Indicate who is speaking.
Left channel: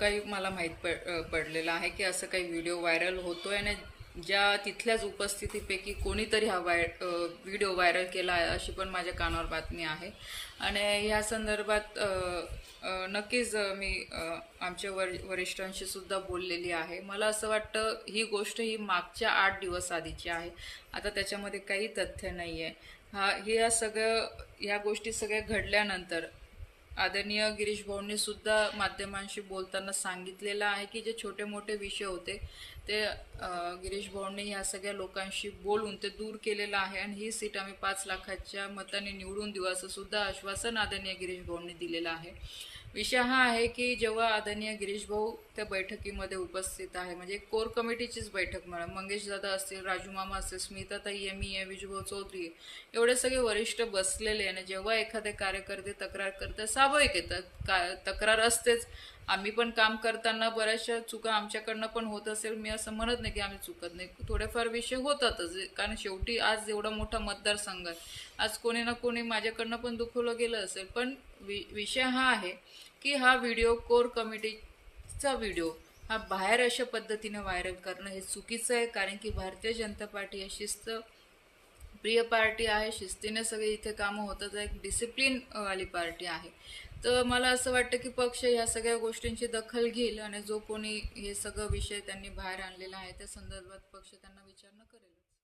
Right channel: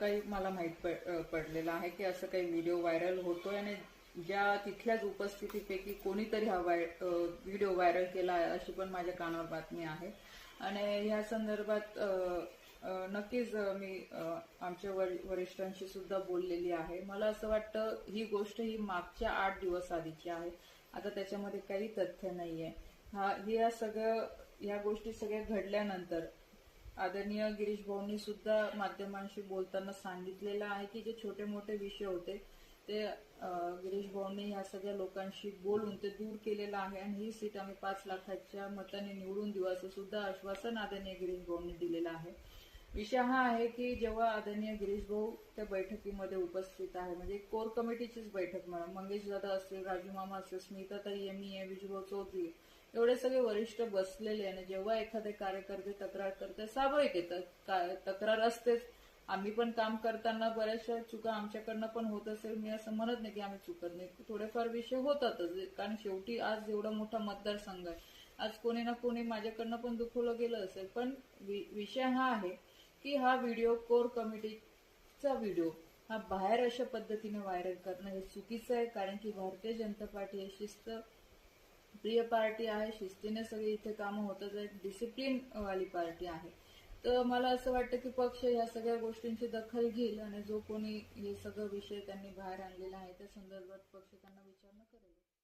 Speaker 1: काही मला माहीत पड पडलेलं आहे की असं काही व्हिडिओ व्हायरल होतो आहे आणि ज्या तिथल्याच उपस्थितीपैकी कोणीतरी हा वाय व्हिडिओ व्हायरल केला आहे अशी पण माझ्या कानावर बातमी आहे आणि ह्या संदर्भात नक्कीच मी आमच्या वर वरिष्ठांशी सुद्धा बोललेली आहे मला असं वाटतं ही गोष्ट ही मागच्या आठ दिवस आधीची आहे आता त्याच्यामध्ये काही तथ्य नाही आहे हा या सगळं ह्या गोष्टी सगळ्या घडल्यानंतर आदरणीय गिरीश भाऊंनी सुद्धा माध्यमांशी बोलताना सांगितलेलं आहे की जे छोटे मोठे विषय होते ते गिरीश भाऊंनी ह्या सगळ्या लोकांशी बोलून ते दूर केलेलं आहे आणि ही सीट आम्ही पाच लाखाच्या मताने निवडून देऊ असं सुद्धा आश्वासन आदरणीय गिरीश भाऊंनी दिलेलं आहे विषय हा आहे की जेव्हा आदरणीय गिरीश भाऊ त्या बैठकीमध्ये उपस्थित आहे म्हणजे कोर कमिटीचीच बैठक म्हणा मंगेश दादा असतील राजू मामा असतील स्मिता आहे मी आहे विजूभाऊ चौधरी एवढे सगळे वरिष्ठ बसलेले आणि जेव्हा एखादे कार्यकर्ते तक्रार करतात स्वाभाविक येतात तक्रार असतेच आम्ही पण काम करताना बऱ्याचशा चुका आमच्याकडनं पण होत असेल मी असं म्हणत नाही की आम्ही चुकत नाही थोडेफार विषय होतातच कारण शेवटी आज एवढा मोठा मतदारसंघ आहे आज कोणी ना कोणी माझ्याकडनं पण दुखवलं गेलं असेल पण वि विषय हा आहे की हा व्हिडिओ कोर कमिटीचा व्हिडिओ हा बाहेर अशा पद्धतीने व्हायरल करणं हे चुकीचं आहे कारण की भारतीय जनता पार्टी ही शिस्त प्रिय पार्टी आहे शिस्तीने सगळे इथे कामं होतात एक डिसिप्लिन वाली पार्टी आहे तर मला असं वाटतं की पक्ष ह्या सगळ्या गोष्टींची दखल घेईल आणि जो कोणी हे सगळं विषय त्यांनी बाहेर आणलेला आहे त्या संदर्भात पक्ष त्यांना न करेल